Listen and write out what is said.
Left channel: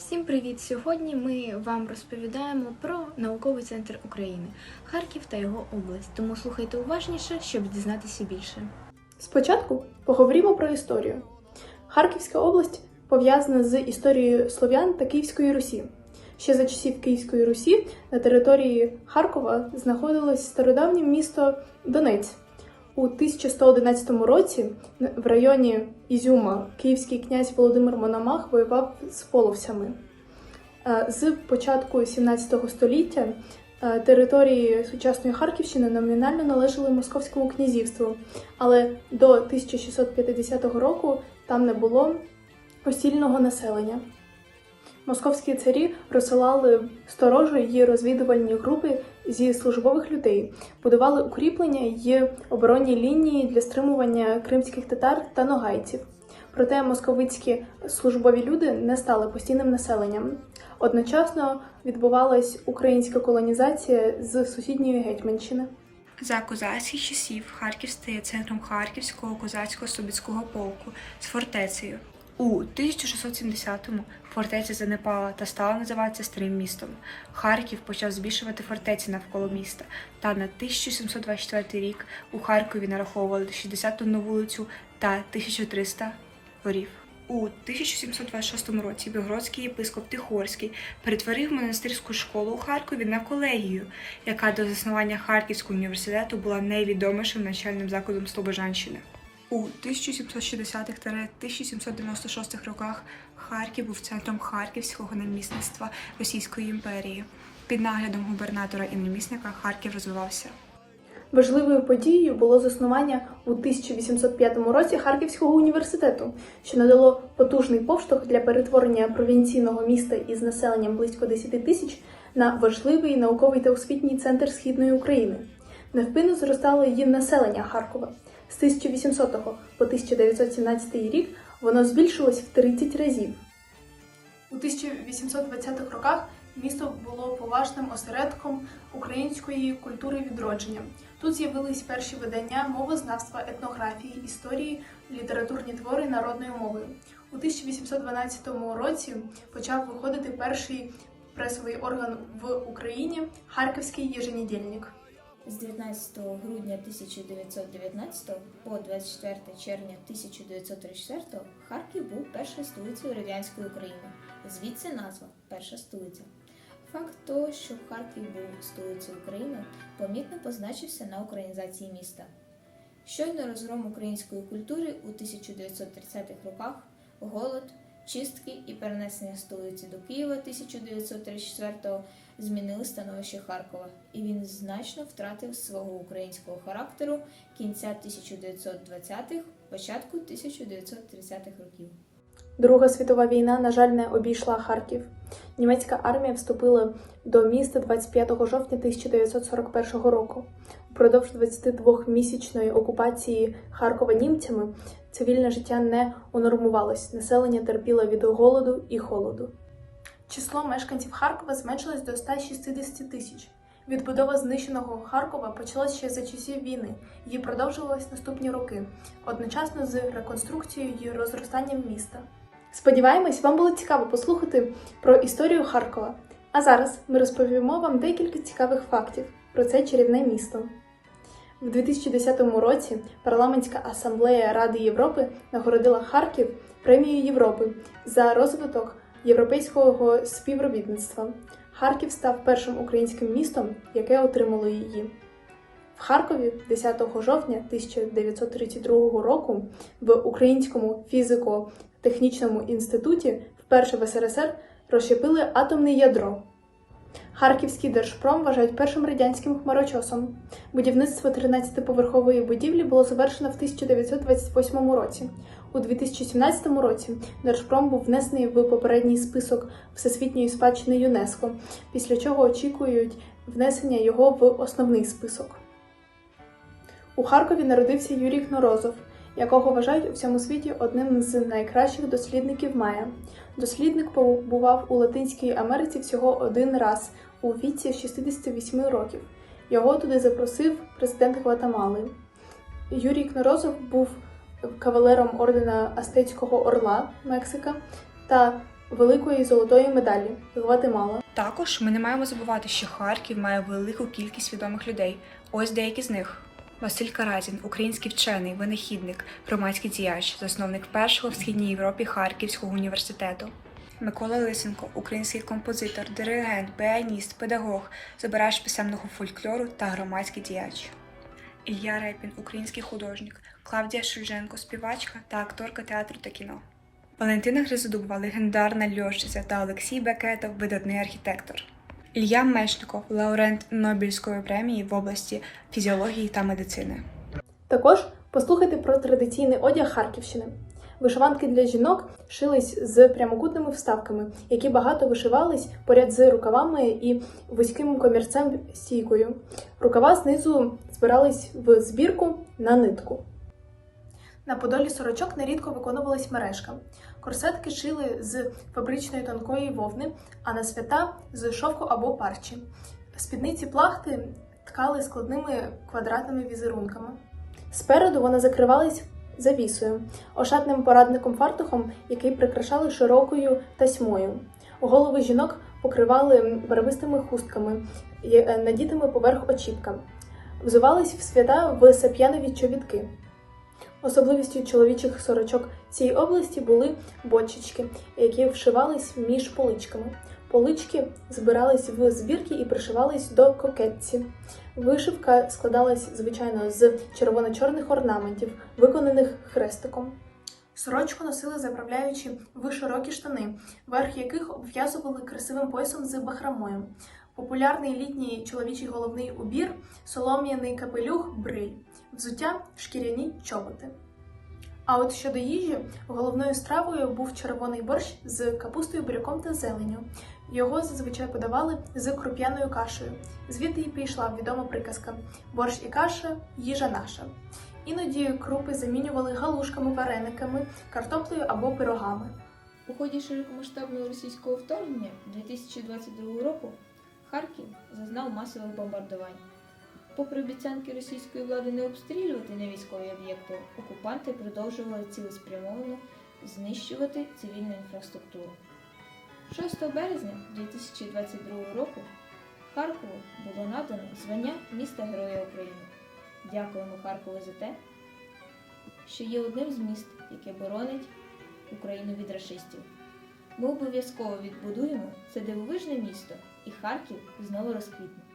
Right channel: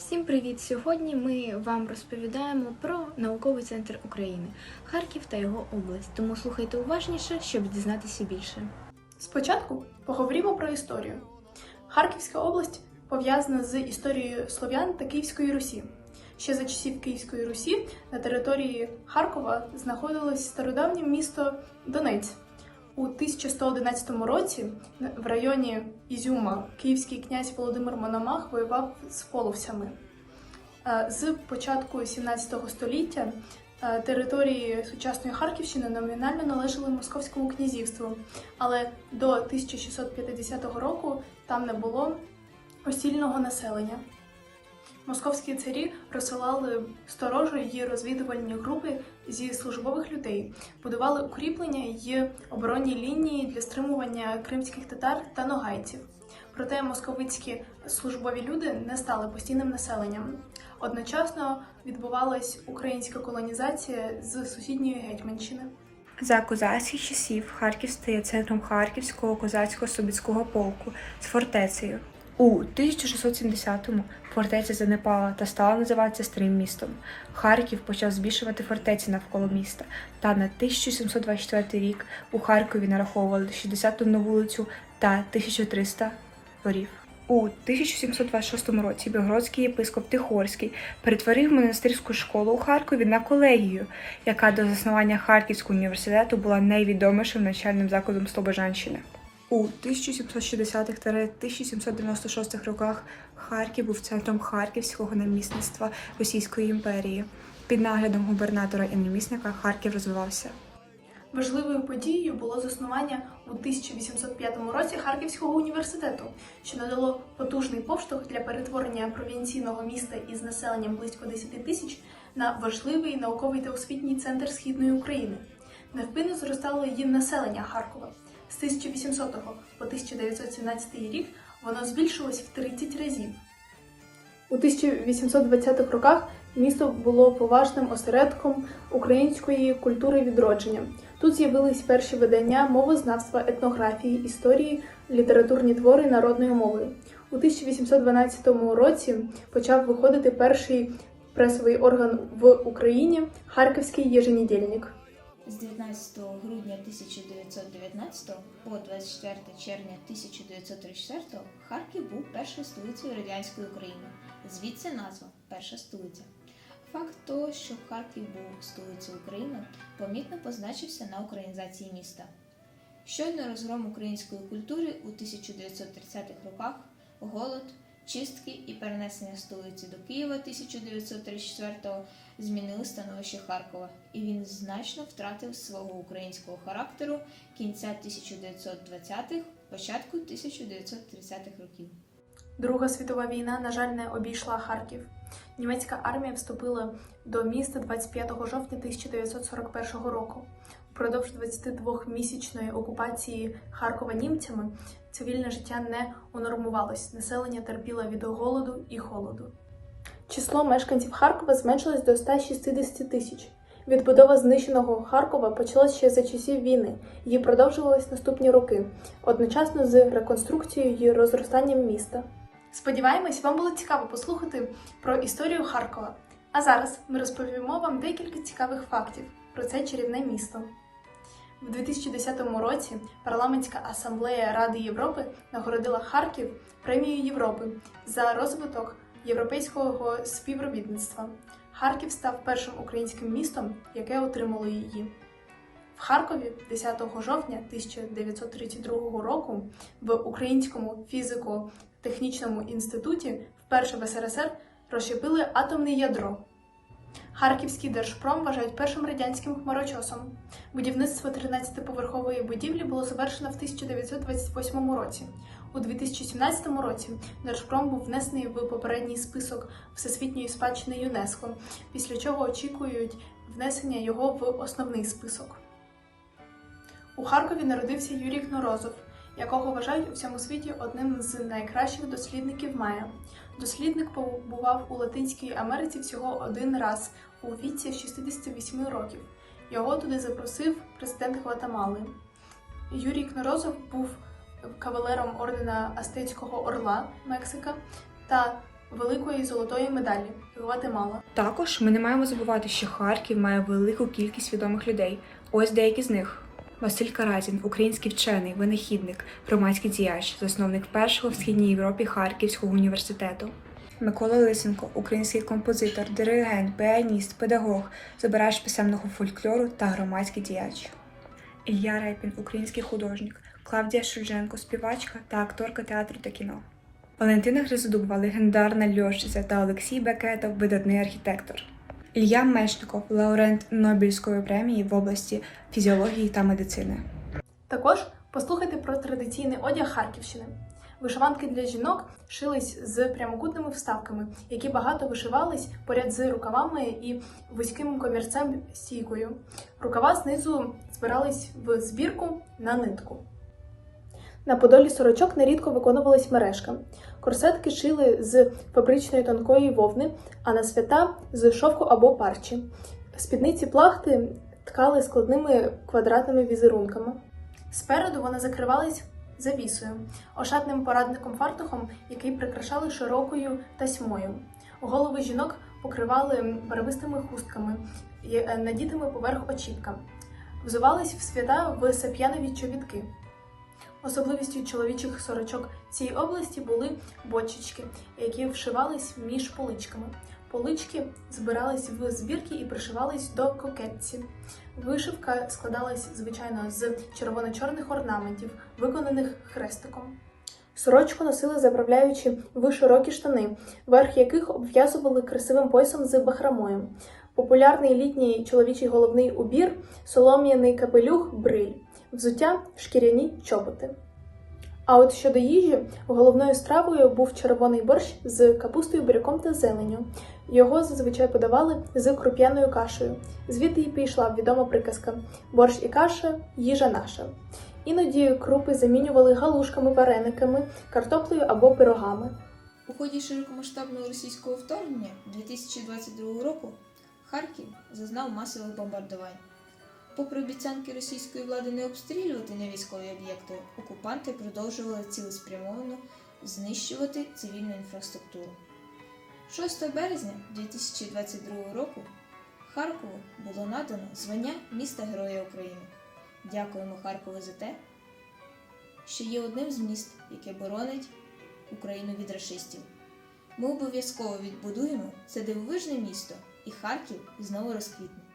Всім привіт! Сьогодні ми вам розповідаємо про науковий центр України, Харків та його область. Тому слухайте уважніше, щоб дізнатися більше. Спочатку поговоримо про історію. Харківська область пов'язана з історією слов'ян та Київської Русі. Ще за часів Київської Русі на території Харкова знаходилось стародавнє місто Донець. У 1111 році в районі Ізюма київський князь Володимир Мономах воював з половцями. Е, З початку 17 століття е, території сучасної Харківщини номінально належали Московському князівству, але до 1650 року там не було постільного населення. Московські царі розсилали сторожі й розвідувальні групи зі службових людей, будували укріплення й оборонні лінії для стримування кримських татар та ногайців. Проте московицькі службові люди не стали постійним населенням. Одночасно відбувалась українська колонізація з сусідньої Гетьманщини. За козацьких часів Харків стає центром Харківського козацького Собіцького полку з фортецею. У 1670-му фортеця занепала та стала називатися Старим містом. Харків почав збільшувати фортеці навколо міста, та на 1724 рік у Харкові нараховували 61 вулицю та 1300 дворів. У 1726 році Білгородський єпископ Тихорський перетворив монастирську школу у Харкові на колегію, яка до заснування Харківського університету була найвідомішим навчальним закладом Слобожанщини. У 1760-1796 роках Харків був центром Харківського намісництва Російської імперії. Під наглядом губернатора і намісника Харків розвивався. Важливою подією було заснування у 1805 році Харківського університету, що надало потужний поштовх для перетворення провінційного міста із населенням близько 10 тисяч на важливий науковий та освітній центр східної України. Невпинно зростало її населення Харкова. З 1800 по 1917 рік воно збільшилось в 30 разів. У 1820-х роках місто було поважним осередком української культури відродження. Тут з'явились перші видання мовознавства, етнографії, історії, літературні твори народною мовою. У 1812 році почав виходити перший пресовий орган в Україні Харківський єженедільник. З 19 грудня 1919 по 24 червня 1934 Харків був першою столицею радянської України. Звідси назва Перша столиця. Факт того, що Харків був столицею України, помітно позначився на українізації міста. Щойно розгром української культури у 1930-х роках, голод, чистки і перенесення столиці до Києва 1934-го змінили становище Харкова, і він значно втратив свого українського характеру кінця 1920-х, початку 1930-х років. Друга світова війна, на жаль, не обійшла Харків. Німецька армія вступила до міста 25 жовтня 1941 року. Упродовж 22-місячної окупації Харкова німцями цивільне життя не унормувалось, населення терпіло від голоду і холоду. Число мешканців Харкова зменшилось до 160 тисяч. Відбудова знищеного Харкова почалась ще за часів війни. Її продовжувалась наступні роки, одночасно з реконструкцією і розростанням міста. Сподіваємось, вам було цікаво послухати про історію Харкова. А зараз ми розповімо вам декілька цікавих фактів про це чарівне місто. В 2010 році парламентська асамблея Ради Європи нагородила Харків премією Європи за розвиток європейського співробітництва. Харків став першим українським містом, яке отримало її. В Харкові 10 жовтня 1932 року в Українському фізико-технічному інституті вперше в СРСР розщепили атомне ядро. Харківський держпром вважають першим радянським хмарочосом. Будівництво 13-поверхової будівлі було завершено в 1928 році. У 2017 році Держпром був внесений в попередній список Всесвітньої спадщини ЮНЕСКО, після чого очікують внесення його в основний список. У Харкові народився Юрій Кнорозов, якого вважають у всьому світі одним з найкращих дослідників Майя. Дослідник побував у Латинській Америці всього один раз у віці 68 років. Його туди запросив президент Гватемали. Юрій Кнорозов був кавалером ордена Астецького Орла Мексика та великої золотої медалі Гватемала. Також ми не маємо забувати, що Харків має велику кількість відомих людей. Ось деякі з них. Василь Каразін, український вчений, винахідник, громадський діяч, засновник першого в східній Європі Харківського університету. Микола Лисенко, український композитор, диригент, піаніст, педагог, збирач писемного фольклору та громадський діяч. Ілля Репін, український художник, Клавдія Шульженко, співачка та акторка театру та кіно. Валентина Гризодубова, легендарна льотчиця та Олексій Бекетов, видатний архітектор. Ілля Мечников, лауреат Нобелівської премії в області фізіології та медицини. Також послухайте про традиційний одяг Харківщини. Вишиванки для жінок шились з прямокутними вставками, які багато вишивались поряд з рукавами і вузьким комірцем стійкою. Рукава знизу збирались в збірку на нитку. На подолі сорочок нерідко виконувались мережка. Корсетки шили з фабричної тонкої вовни, а на свята з шовку або парчі. Спідниці плахти ткали складними квадратними візерунками. Спереду вони закривались завісою, ошатним порадником фартухом, який прикрашали широкою тасьмою. Голови жінок покривали барвистими хустками, е, надітими поверх очіпка. Взувались в свята в сап'янові чобітки. Особливістю чоловічих сорочок цієї області були бочечки, які вшивались між поличками. Полички збирались в збірки і пришивались до кокетці. Вишивка складалась звичайно з червоно-чорних орнаментів, виконаних хрестиком. Сорочку носили заправляючи в широкі штани, верх яких обв'язували красивим поясом з бахромою. Популярний літній чоловічий головний убір, солом'яний капелюх, бриль, взуття шкіряні чоботи. А от щодо їжі, головною стравою був червоний борщ з капустою, буряком та зеленню. Його зазвичай подавали з круп'яною кашею. Звідти й пішла відома приказка: борщ і каша їжа наша. Іноді крупи замінювали галушками, варениками, картоплею або пирогами. У ході широкомасштабного російського вторгнення 2022 року Харків зазнав масових бомбардувань. Попри обіцянки російської влади не обстрілювати невійськові об'єкти, окупанти продовжували цілеспрямовано знищувати цивільну інфраструктуру. 6 березня 2022 року Харкову було надано звання міста Героя України. Дякуємо Харкову за те, що є одним з міст, яке боронить Україну від рашистів. Ми обов'язково відбудуємо це дивовижне місто, і Харків знову розквітне.